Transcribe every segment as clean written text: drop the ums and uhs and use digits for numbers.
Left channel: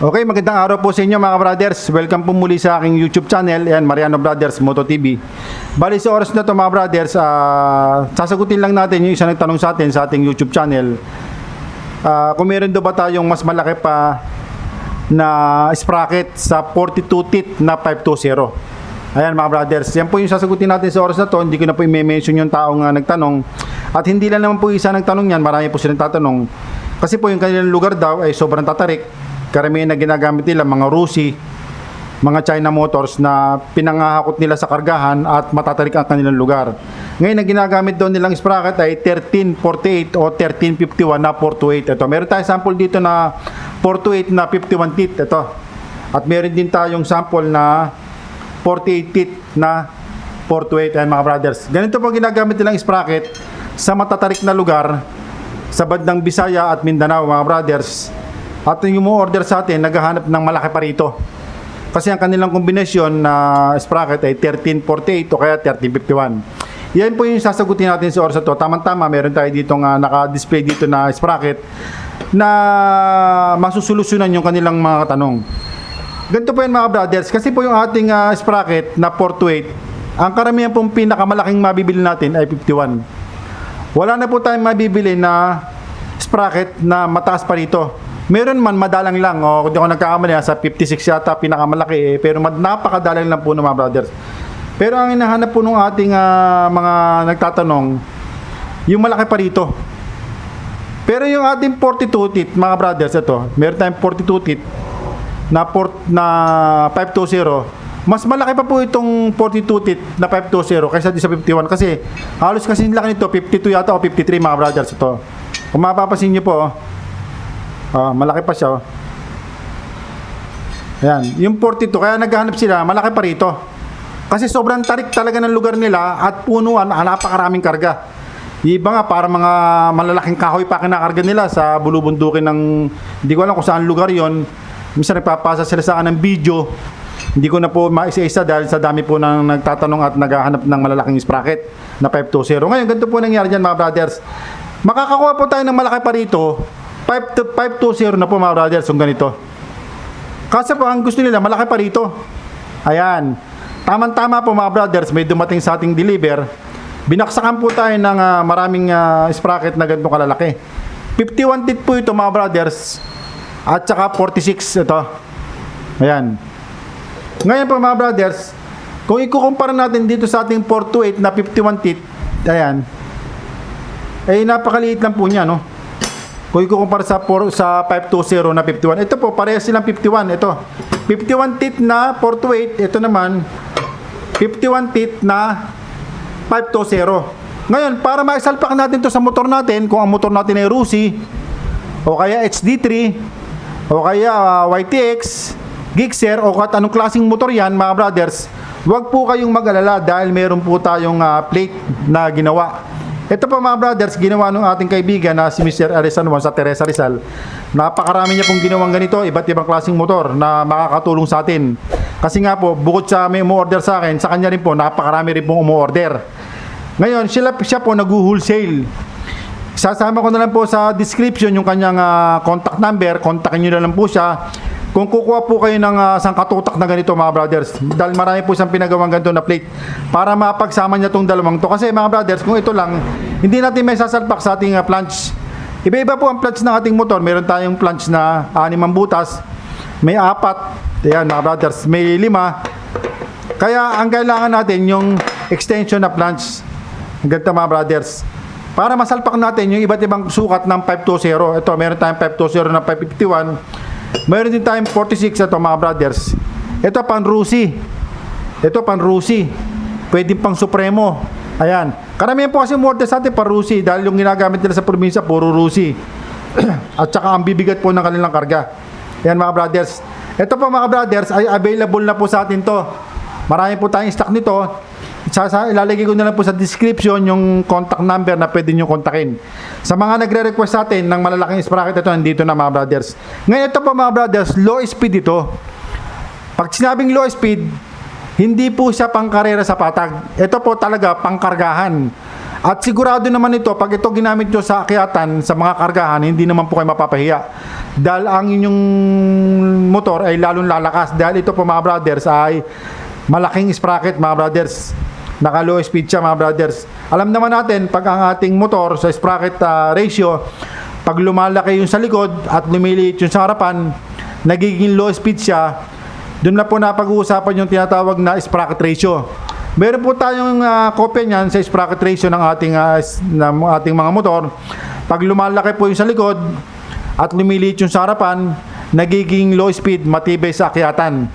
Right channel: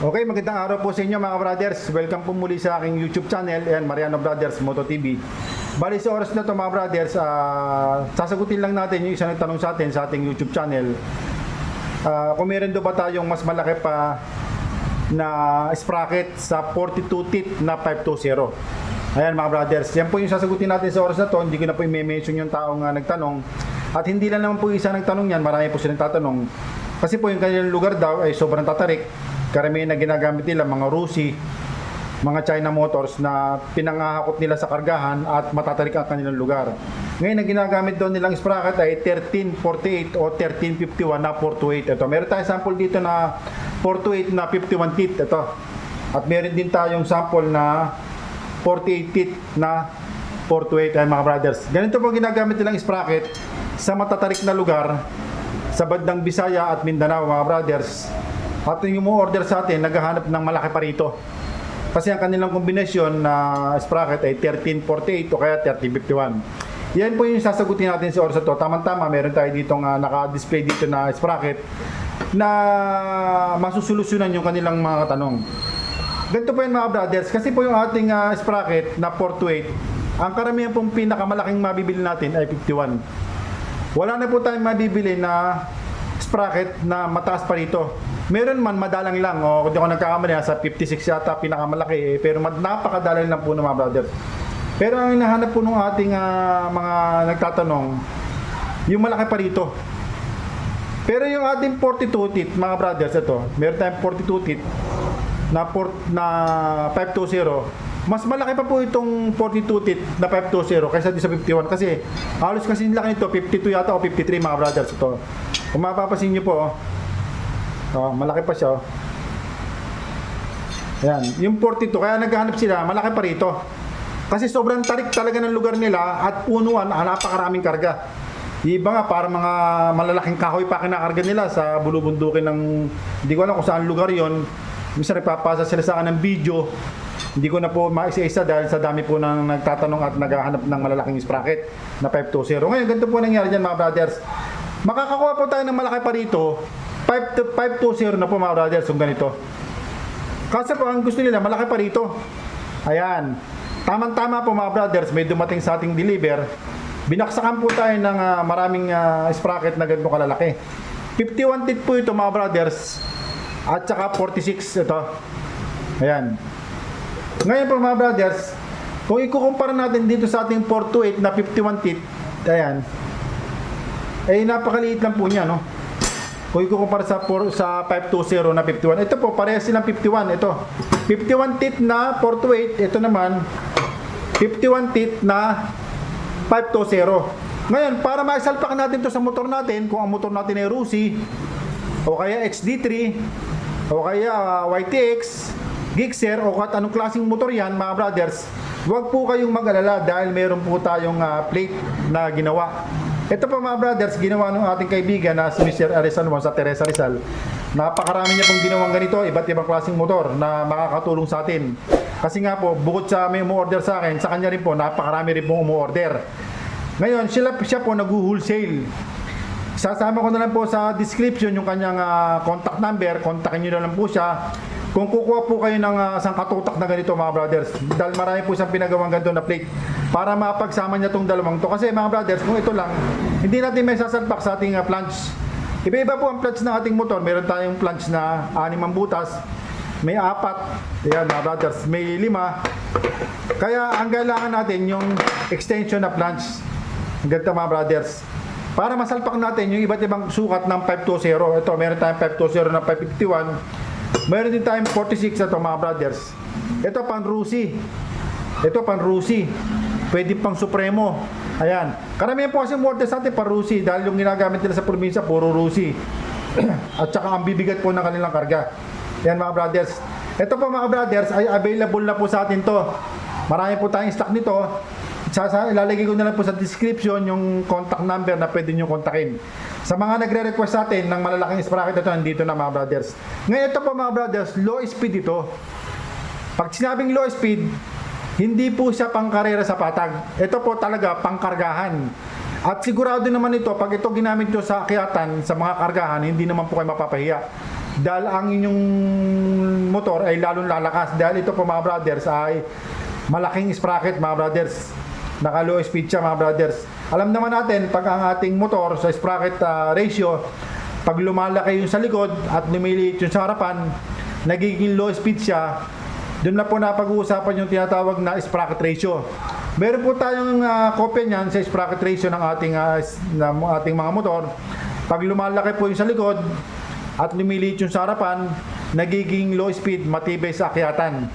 Okay, magandang araw po sa inyo mga brothers. Welcome po muli sa aking YouTube channel, yan, Mariano Brothers Moto TV. Bali sa oras na to mga brothers, sasagutin lang natin yung isang nagtanong sa atin sa ating YouTube channel. Kung meron do ba tayong mas malaki pa na sprocket sa 42 teeth na 520. Ayan mga brothers, yan po yung sasagutin natin sa oras na to. Hindi ko na po i-mention yung taong nagtanong. At hindi lang naman po isa nagtanong yan, marami po silang tatanong. Kasi po yung kanilang lugar daw ay sobrang tatarik. Karamihan na ginagamit nila mga Rusi, mga China Motors na pinangahakot nila sa kargahan at matatarik ang kanilang lugar. Ngayon ang ginagamit daw nilang sprocket ay 1348 o 1351 na 428. Ito, meron tayong sample dito na 428 na 51 teeth. Ito. At meron din tayong sample na 48 teeth na 428. Ayan mga brothers. Ganito po ginagamit nilang sprocket sa matatarik na lugar sa bandang Bisaya at Mindanao mga brothers. At yung mo-order sa atin, naghahanap ng malaki pa rito. Kasi ang kanilang kombinasyon na sprocket ay 1348 o kaya 1351. Yan po yung sasagutin natin sa oras na to. Tama-tama, meron tayo dito nga naka-display dito na sprocket na masusolusyonan yung kanilang mga tanong. Ganito po yan mga brothers. Kasi po yung ating sprocket na 428, ang karamihan pong pinakamalaking mabibili natin ay 51. Wala na po tayong mabibili na sprocket na mataas pa rito. Meron man madalang lang, o kung di ako nagkakamali, sa 56 yata pinakamalaki, pero napakadalang lang po ng mga brothers. Pero ang hinahanap po ng ating mga nagtatanong, yung malaki pa rito. Pero yung ating 42 teeth mga brothers, ito, meron tayong 42 teeth na 520. Mas malaki pa po itong 42 teeth na 520 kaysa sa 51 kasi halos kasi laki nito 52 yata o 53 mga brothers. Ito, kung mapapasin nyo po, malaki pa siya. Yan, yung 42 kaya naghahanap sila, malaki pa rito. Kasi sobrang tarik talaga ng lugar nila at punuan, napakaraming karga. Iba nga para mga malalaking kahoy pa kinakarga nila sa bulubundukin ng hindi ko alam kung saan lugar 'yon. Minsan nagpapasa sila sa akin ng video. Hindi ko na po maisa-isa dahil sa dami po nang nagtatanong at naghahanap ng malalaking sprocket na 520. Ngayon, ganito po nangyari diyan mga brothers. Makakakuha po tayo ng malaki pa rito. 520 na po mga brothers yung ganito. Kasi po ang gusto nila malaki pa rito. Ayan. Tama-tama po mga brothers, may dumating sa ating deliver. Binaksakan po tayo ng maraming sprocket na ganito kalalaki. 51 teeth po ito mga brothers. At saka 46 ito. Ayan. Ngayon po mga brothers, kung ikukumpara natin dito sa ating 428 na 51 teeth, ayan, ay napakaliit lang po niya, no? Kung ikukumpara sa 520 na 51, ito po, parehas silang 51. Ito, 51 teeth na 428. Ito naman, 51 teeth na 520. Ngayon, para maisalpak natin to sa motor natin, kung ang motor natin ay Rusi, o kaya HD3, o kaya YTX, Gixxer, o kahit anong klaseng motor yan, mga brothers, huwag po kayong mag-alala dahil meron po tayong plate na ginawa. Ito po mga brothers, ginawa ng ating kaibigan na si Mr. Arisan Juan sa Teresa Rizal. Napakarami niya pong ginawang ganito, iba't ibang klaseng motor na makakatulong sa atin. Kasi nga po, bukod sa may umu-order sa akin, sa kanya rin po, napakarami rin pong umu-order. Ngayon, siya po nag-wholesale. Sasama ko na lang po sa description yung kanyang contact number, kontakin nyo na lang po siya. Kung kukuha po kayo ng sangkatutak na ganito mga brothers, dahil marami po siyang pinagawang ganito na plate para mapagsama niya itong dalawang to. Kasi mga brothers, kung ito lang, hindi natin may sasalpak sa ating planch. Iba-iba po ang planch ng ating motor. Meron tayong planch na 6 butas, may 4, ayan mga brothers, may 5. Kaya ang kailangan natin yung extension na planch. Ganito mga brothers. Para masalpak natin yung iba't ibang sukat ng 520. Ito, meron tayong 520 na 551. Mayroon din tayong 46 ito mga brothers. Ito pang Rusi. Ito pang Rusi. Pwede pang Supremo. Ayan. Karamihan po kasi order sa atin pang Rusi dahil yung ginagamit nila sa probinsya puro Rusi. At saka ang bibigat po ng kanilang karga. Ayan mga brothers. Ito po mga brothers ay available na po sa atin to. Marami po tayong stock nito. Ilalagay ko na lang po sa description yung contact number na pwede nyo kontakin. Sa mga nagre-request sa atin ng malalaking sprocket, ito nandito na mga brothers. Ngayon ito po mga brothers, low speed ito. Pag sinabing low speed, hindi po siya pang karera sa patag. Ito po talaga pang kargahan. At sigurado naman ito, pag ito ginamit nyo sa akyatan, sa mga kargahan, hindi naman po kayo mapapahiya. Dahil ang inyong motor ay lalong lalakas. Dahil ito po mga brothers ay malaking sprocket mga brothers. Naka low speed siya mga brothers. Alam naman natin, pag ang ating motor sa sprocket ratio, pag lumalaki yung sa likod at lumiliit yung sa harapan, nagiging low speed siya. Doon na po napag-uusapan yung tinatawag na sprocket ratio. Meron po tayong kopya niyan sa sprocket ratio ng ating mga motor. Pag lumalaki po yung sa likod at lumiliit yung sa harapan, nagiging low speed, matibay sa akyatan.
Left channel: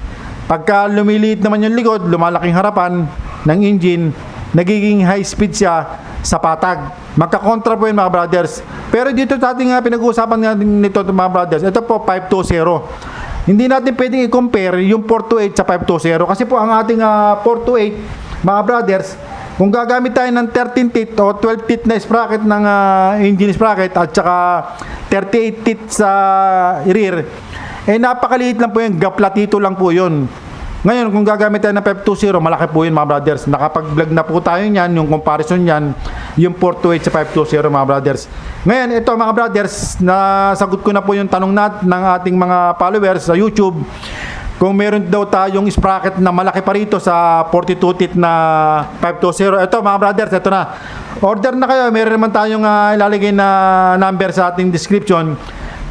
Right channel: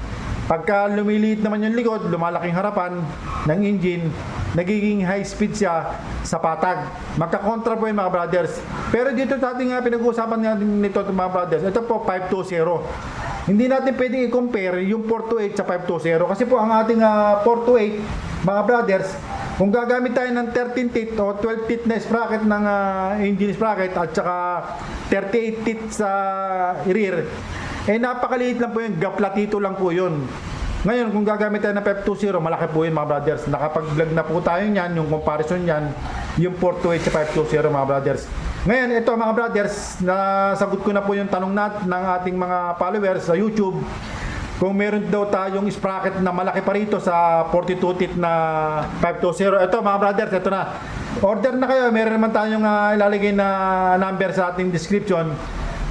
Pagka lumiliit naman yung likod, lumalaking harapan ng engine, nagiging high speed siya sa patag. Magkakontra po yun mga brothers. Pero dito sa ating pinag-uusapan natin nito mga brothers, ito po 520. Hindi natin pwedeng i-compare yung 428 sa 520 kasi po ang ating 428 mga brothers, kung gagamit tayo ng 13 teeth o 12 teeth na sprocket ng engine sprocket at saka 38 teeth sa rear, eh napakaliit lang po yun, gaplatito lang po yun. Ngayon, kung gagamit tayo ng 520, malaki po yun mga brothers. Nakapag-vlog na po tayo niyan, yung comparison niyan, yung 428 sa 520 mga brothers. Ngayon, ito mga brothers, nasagot ko na po yung tanong ng ating mga followers sa YouTube. Kung meron daw tayong sprocket na malaki pa rito sa 42 teeth na 520. Ito mga brothers, ito na. Order na kayo, meron naman tayong ilalagay na number sa ating description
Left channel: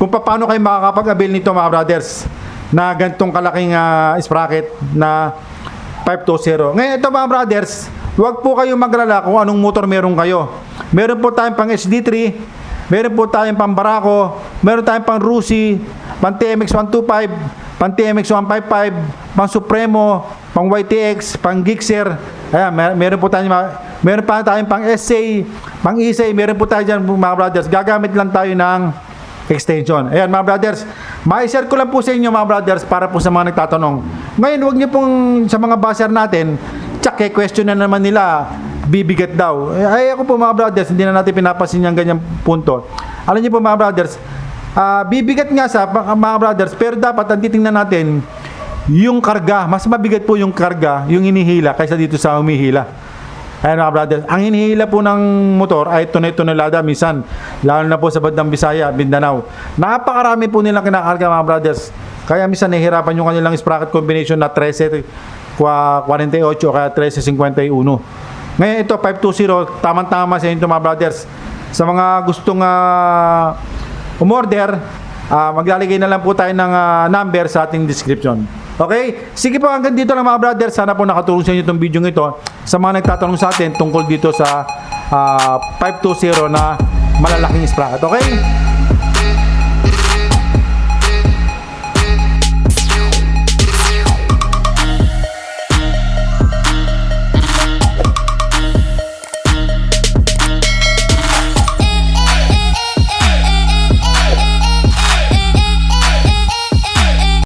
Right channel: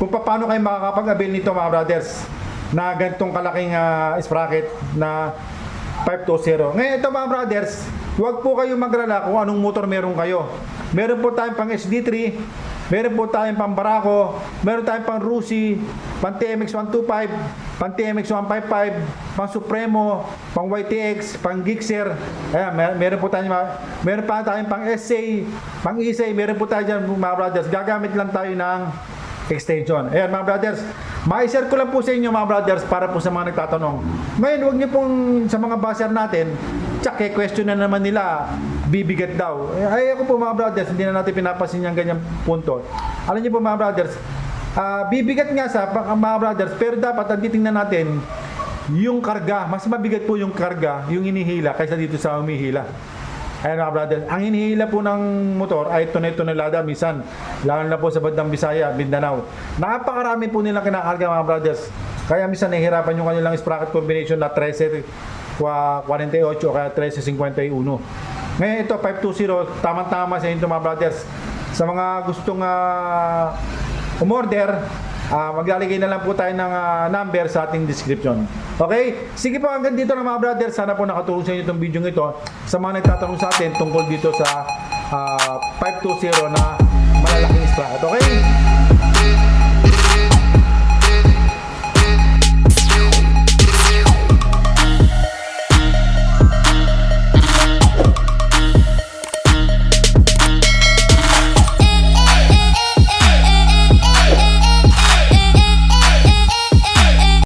kung paano kayo makakapag-avail nito mga brothers na ganitong kalaking sprocket na 520. Ngayon ito mga brothers, huwag po kayong maglala kung anong motor meron kayo. Meron po tayong pang HD3, meron po tayong pang Barako, meron tayong pang Rusi, pang TMX 125, pang TMX 155, pang Supremo, pang YTX, pang Gixxer. Ayan, meron po tayong pang SA, pang Isay, meron po tayo dyan mga brothers. Gagamit lang tayo ng extension. Ayan mga brothers, ma-share ko lang po sa inyo mga brothers para po sa mga nagtatanong. Ngayon, huwag niyo pong sa mga buzzer natin, tsak question na naman nila, bibigat daw. Ay ako po mga brothers, hindi na natin pinapasin yung ganyang punto. Alam niyo po mga brothers, bibigat nga sa mga brothers, pero dapat ang titingnan natin yung karga. Mas mabigat po yung karga, yung inihila kaysa dito sa humihila. Ayan mga brothers, ang hinihila po ng motor ay tonelada minsan, lalo na po sa bandang Bisaya, Mindanao. Napakarami po nilang kinakarga mga brothers. Kaya minsan nahihirapan yung kanilang sprocket combination na 1348 o kaya 1351. Ngayon ito 520, tamang-tama sa inyo mga brothers. Sa mga gustong umorder, maglalagay na lang po tayo ng number sa ating description. Okay? Sige po, hanggang dito lang mga brother. Sana po nakatulong sa inyo itong video ito. Sa mga nagtatanong sa atin tungkol dito sa 520 na malalaking sprocket. Okay?